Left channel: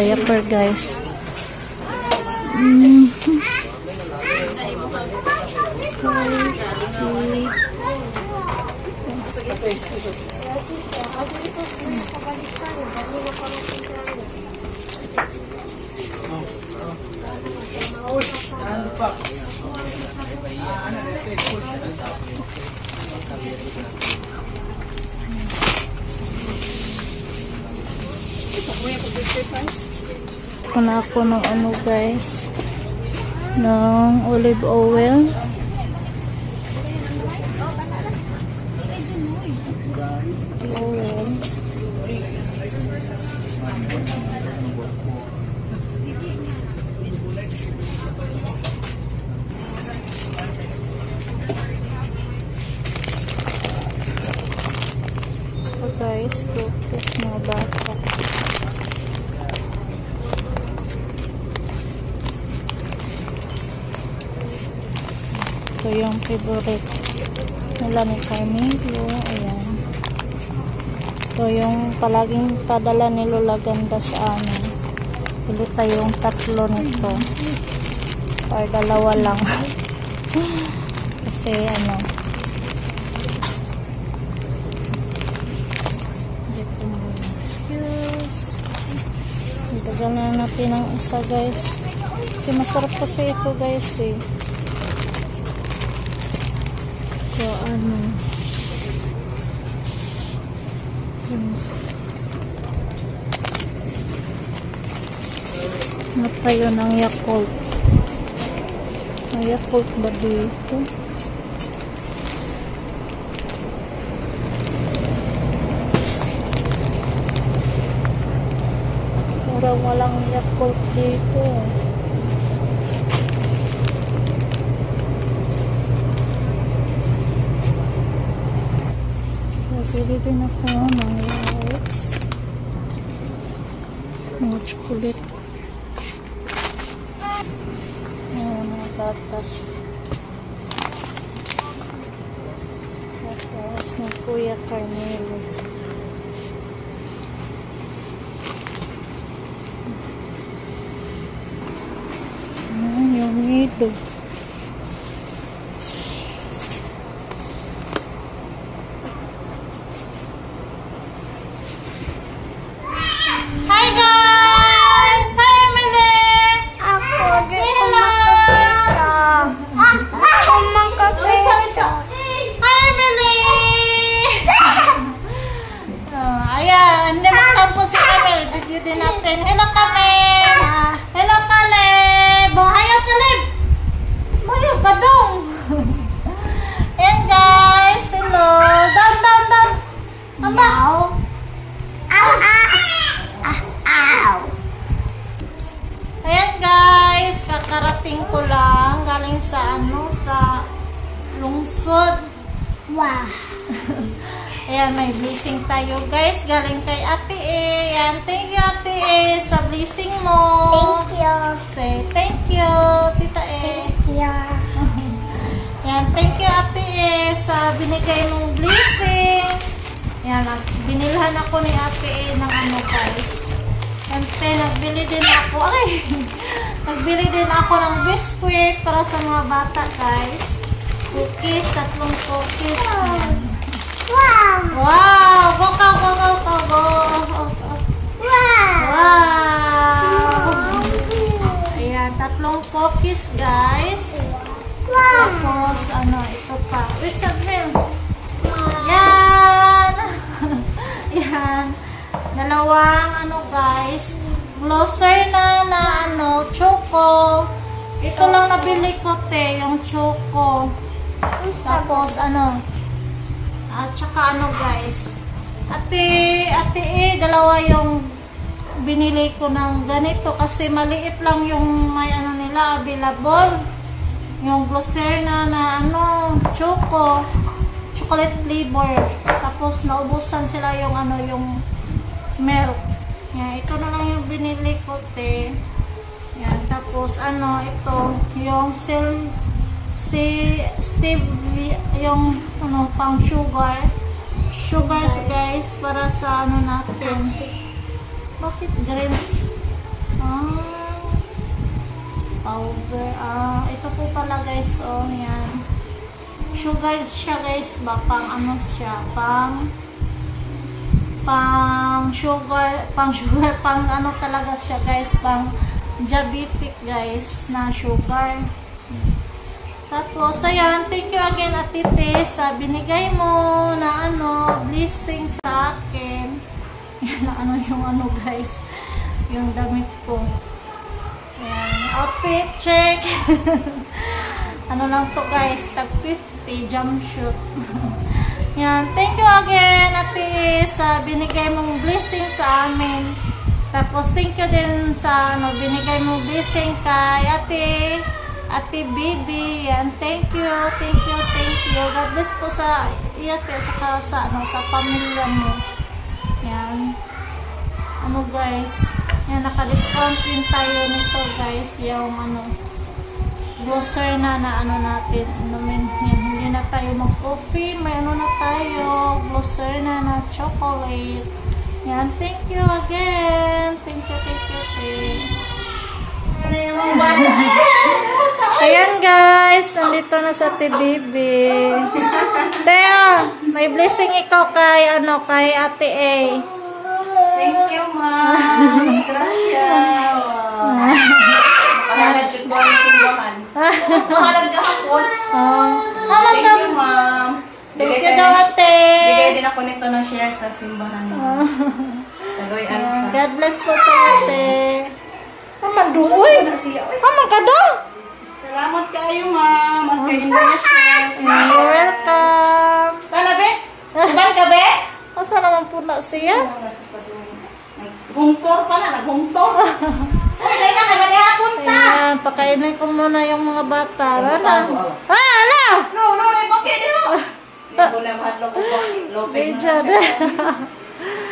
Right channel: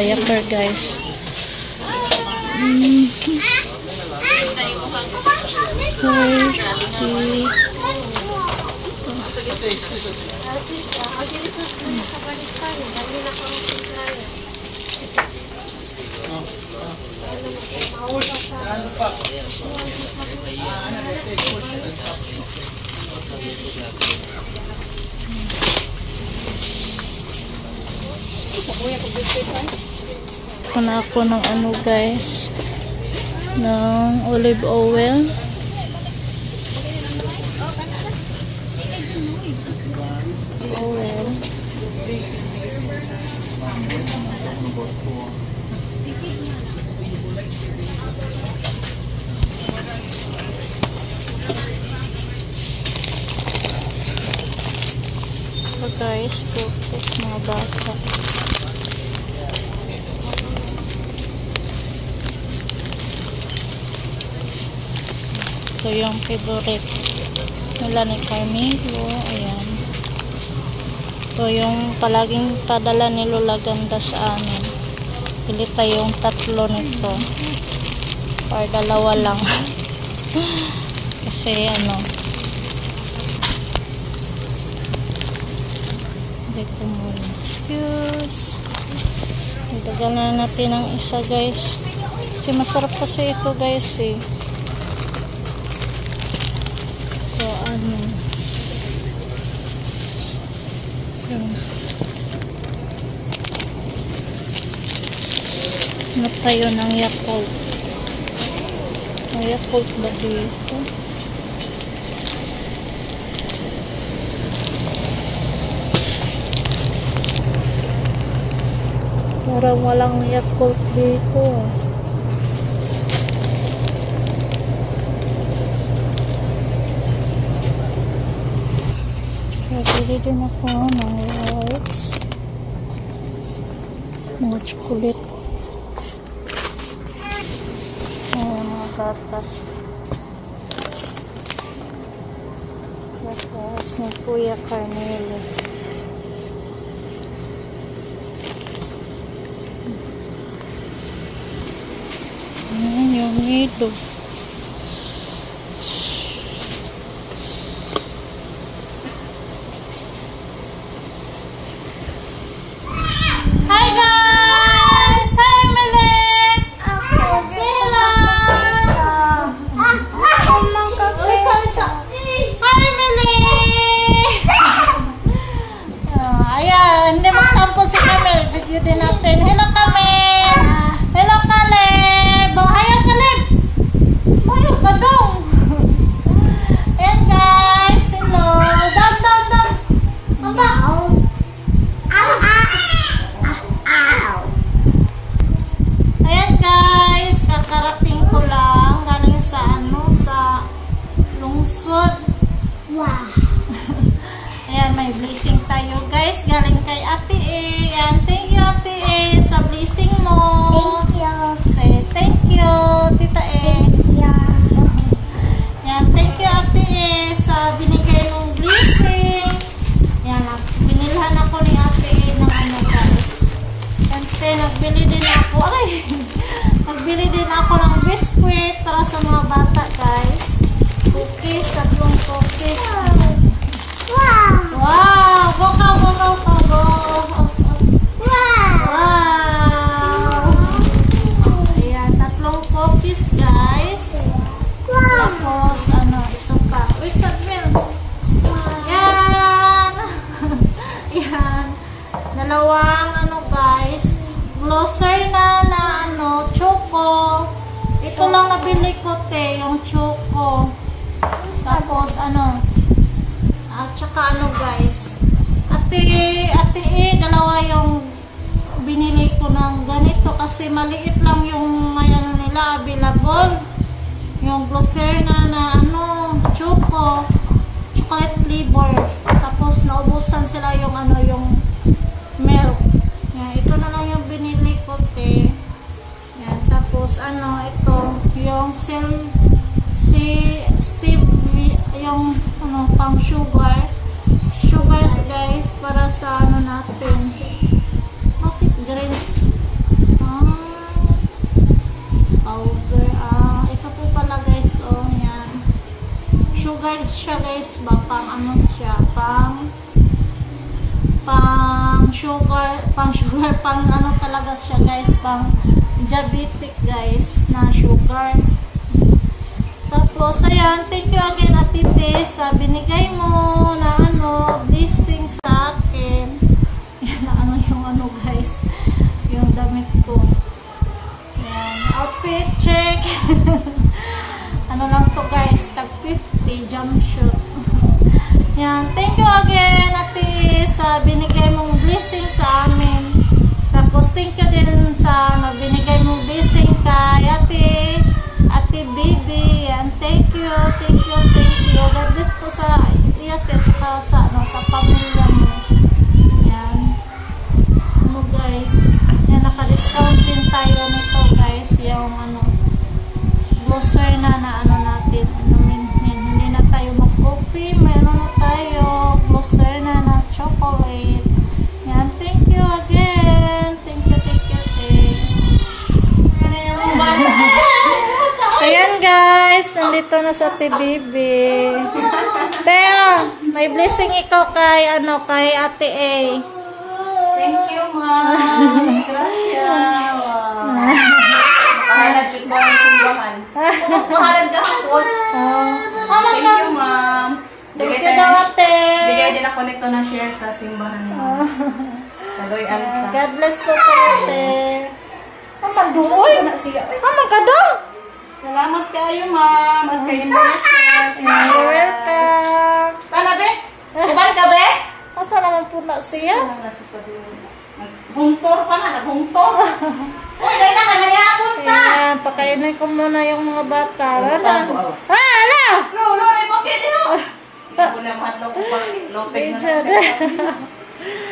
diaper, guys. Kuna ako ng ano, guys, ng olive oil. So guys, focus mga bata. Ito yung favorite nila ni Carmelo. Ayan. Ito yung palaging padala ni Lola Ganda sa amin. Pili tayong 3 nito. Or 2 lang. Kasi ano, dito muna. Excuse. Itagal na natin ang isa, guys. Kasi masarap kasi ito, guys, eh. So, ano, tayo ng Yakult. May Yakult ba dito? Parang walang Yakult dito. Bili din ako ng wipes. Mga chocolate. Mga gatas. Gatas ni Kuya Carmelo. Ayan yung nido. Din natin. Hello, Kaleb! Hello, Kaleb! Hayo, Kaleb! Hayo, kadong! And guys, hello! Down, down, down! Amba! Ayan, guys, kakarating ko lang galing sa ano, sa lungsod. Wow! Ayan, may blessing tayo, guys. Galing kay Ate E. Ayan, thank you, Ate E, sa blessing mo. Thank you. Say, thank you, Tita E. Thank you. Ayan, thank you, Ate E, sa binigay mong blessing. Ayan, binilhan ako ni Ate E ng ano, guys. And then, nagbili din ako, nagbili din ako ng biscuit para sa mga bata, guys. Cookies, 3 cookies. Wow! Wow! Go! Wow! Ayan, 3 cookies, guys. Wow! Tapos, ano, ito pa. Wait, Sadmil. Yan! Yan. 2, ano, guys. Glosser na ano, choco. Ito lang nabili ko, te, yung choco. Tapos, ano, at saka ano, guys, ate E, 2 yung binili ko ng ganito kasi maliit lang yung may ano nila available, yung glosser na ano, chocolate flavor. Tapos naubusan sila yung ano, yung milk. Yan, ito na lang yung binili ko, te. Yan, tapos ano, ito yung Stevia, yung ano, pang sugars, guys, para sa ano natin. Bakit greens? powder. Ito po pala guys, oh, yan. Sugar siya guys, ba? Pang ano siya? Pang sugar, pang ano talaga siya guys, pang diabetic guys, na sugar. Tapos, ayan, thank you again Ate Tess sa binigay mo na ano, blessing sa akin. Yan na ano yung ano guys, yung damit ko. Ayan, outfit check. Ano lang to guys, tag 50 jumpsuit. Yan, thank you again Ate sa binigay mong blessing sa amin. Tapos, thank you din sa ano, binigay mong blessing kay Ate Baby. Yan, thank you. God bless po sa ate at saka sa, ano, sa pamilya mo. Yan. Ano guys, yan, naka-discount din tayo nito guys. Yung ano, glosser na ano natin. Hindi na tayo mag-coffee. May ano na tayo, glosser na chocolate. Yan, thank you again. Thank you. Ayan guys, nandito na sa Ate Bibi. Teo, may blessing ikaw kay ano, kay Ate A. Thank you, ma'am. Gracias. Makahalad siya ko ang simbahan. Makahalad ka hapon. Thank you, ma'am. Thank you daw Ate. Bigay din ako nito ng share sa simbahan mo. Kaloy Alta. God bless po sa Ate. Magduoy. Magkadong. Salamat kayo, ma'am. At kayo na share. You're welcome. Tala, be? Suban ka, be? Asa naman po na siya? Naghungtor pa na, naghungtor. Uy, dahil na, kaya hapon ta. Ayan, pakainin ko muna yung mga bata. Ano? Ano? No, may bakit dito. Hindi ko na mahadlok ko pa. Lopeg na na.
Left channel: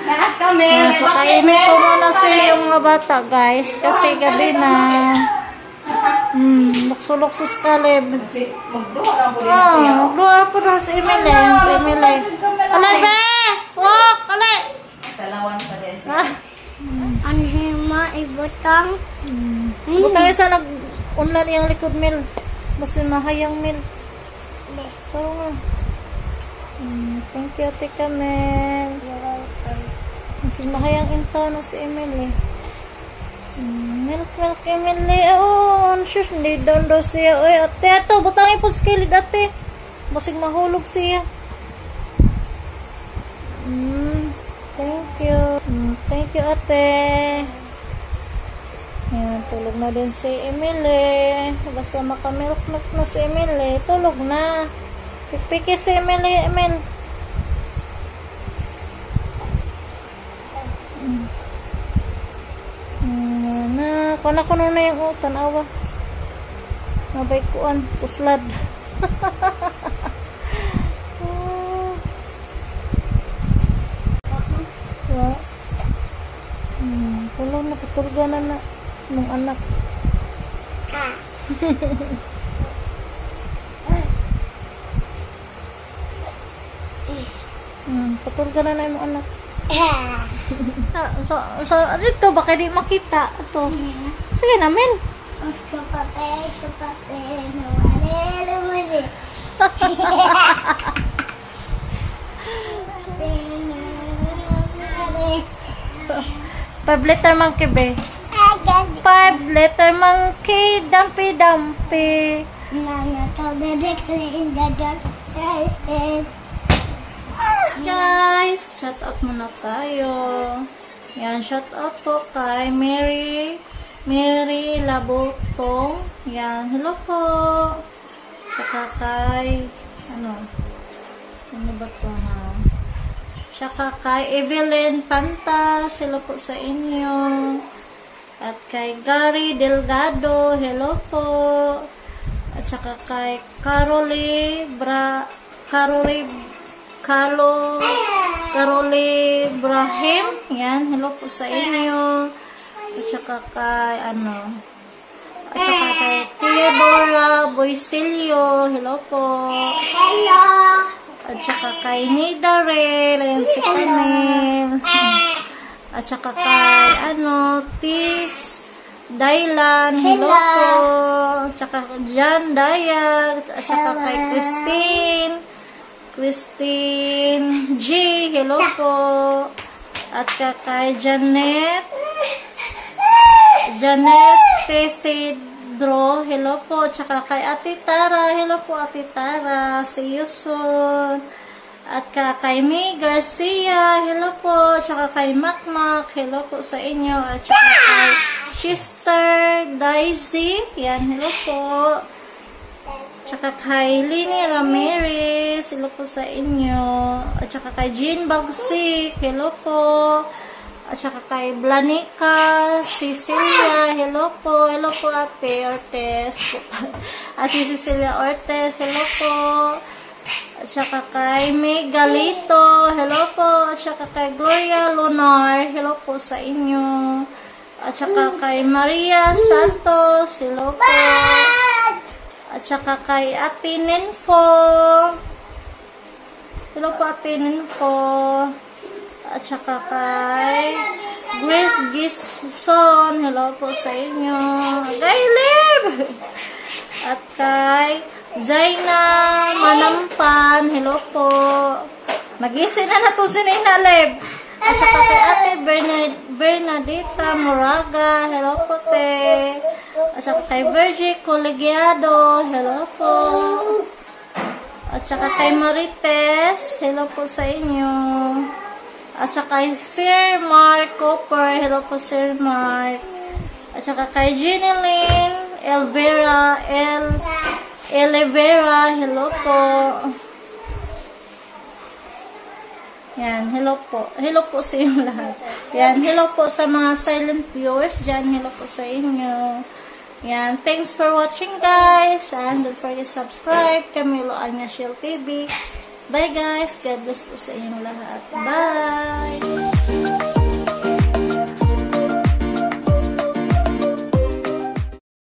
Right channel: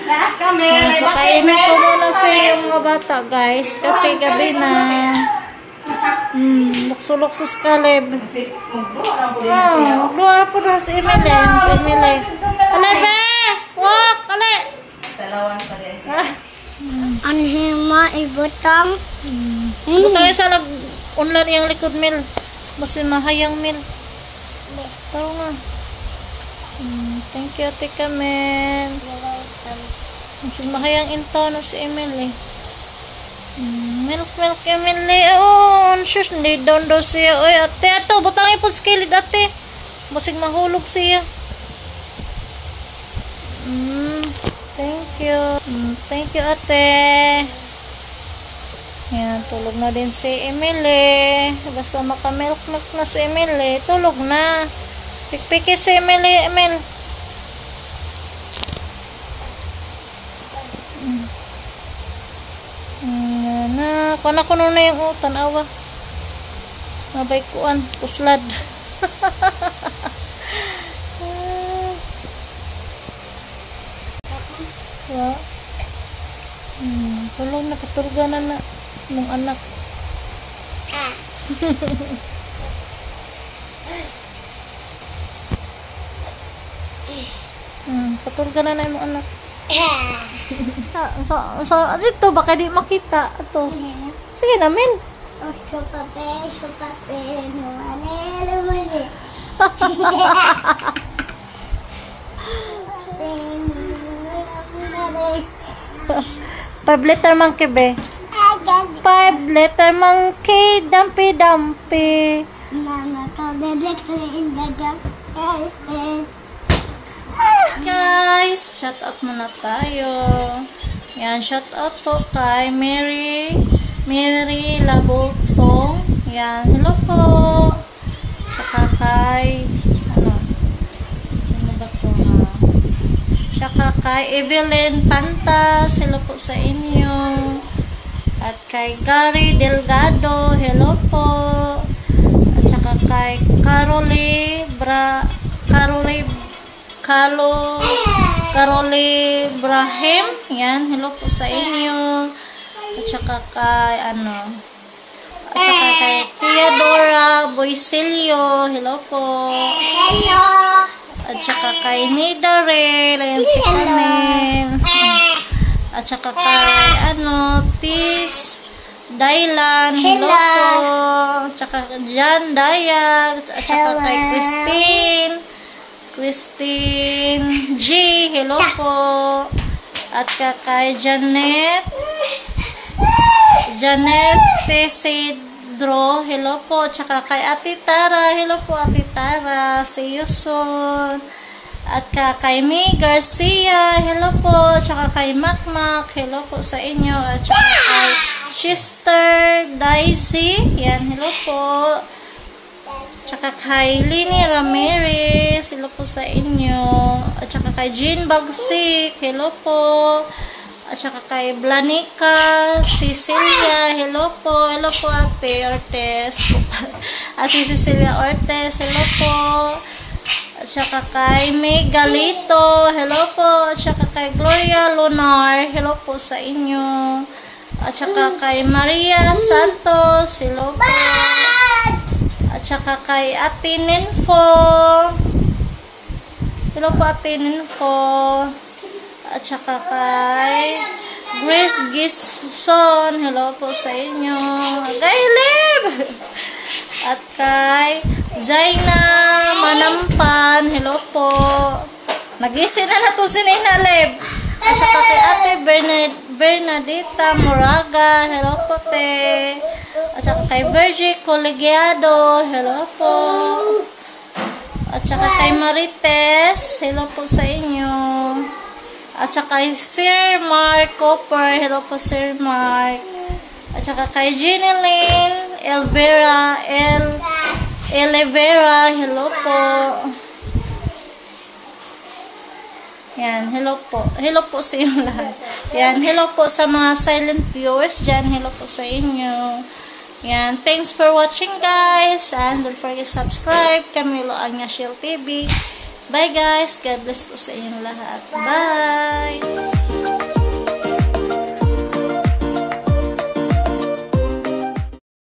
Naas kami, may bakit. Pakainin ko muna siya yung mga bata, guys. Kasi gabi na. Lukso-luksos kalib. Magluha po na si Emily. Alay, be! Walk! Alay! Dalawang sa rin. Ang hima ibutang. Butang isa nag-unlan yung likod mil. Basin mahayang mil. Tao nga. Thank you, Ate Kamel. Basin mahayang intaw na si Emily. Milk Emily. Oh, shush, hindi down daw siya. Oy, ate, ato, butang ipon skilid, ate. Basig mahulog siya. Thank you. Thank you, ate. Yan, tulog na din si Emily. Basta maka-milk na si Emily. Tulog na. Pikpiki si Emily, Emil. Kuan ako na yung tanawa. Mabay kuan, puslad. Tulong na katurganan na mong anak. Katurganan na yung anak. So, dito baka di makita ito. Sige namin. Five letter monkey be. 5 letter monkey, dumpy. Guys, shout out muna tayo. Yan, shout out po kay Mary Labutong. Yan, hello po. Saka kay ano ba to ha? Saka kay Evelyn Pantas, hello po sa inyo. At kay Gary Delgado, hello po. At saka kay Carole Brahim. Yan, hello po sa inyo. At saka kay at saka kay Theodora Boisilio, hello po. Hello. At saka kay Nidarel, ayan si Camille. At saka kay Dailan, hello po. Tsaka Jan Dayag, at saka kay Christine G, hello po. At kay Janet Tesidro, hello po. Tsaka kay Ate Tara, hello po Ate Tara. See you soon. At kay May Garcia, hello po. Tsaka kay Makmak, hello po sa inyo. At tsaka kay Sister Daisy, yan, hello po. Tsaka kay Lini Ramirez, hello po sa inyo. At tsaka kay Jean Bagsik, hello po. At saka kay Blanica Cecilia, hello po. Hello po Ate Ortez. Ate Cecilia Ortez, hello po. At saka kay May Galito, hello po. At saka kay Gloria Lunar, hello po sa inyo. At saka kay Maria Santos, hello po. At saka kay Ate Ninfo, hello po Ate Ninfo. At saka kay Grace Gison, hello po sa inyo. Kay Lib! At kay Zaina Manampan, hello po. Nagising na to si Nina Lib. At saka kay Ate Bernadita Moraga, hello po te. At saka kay Virgie Colegiado, hello po. At saka kay Marites, hello po sa inyo. At saka kay Sir Mark Cooper, hello po Sir Mark. At saka kay Jeneline Elvera, hello po. Yan, hello po. Hello po sa inyo lahat. Yan, hello po sa mga silent viewers dyan. Hello po sa inyo. Yan, thanks for watching guys. And don't forget to subscribe. Camilo Agnaciel TV. Bye guys. God bless po sa inyong lahat. Bye!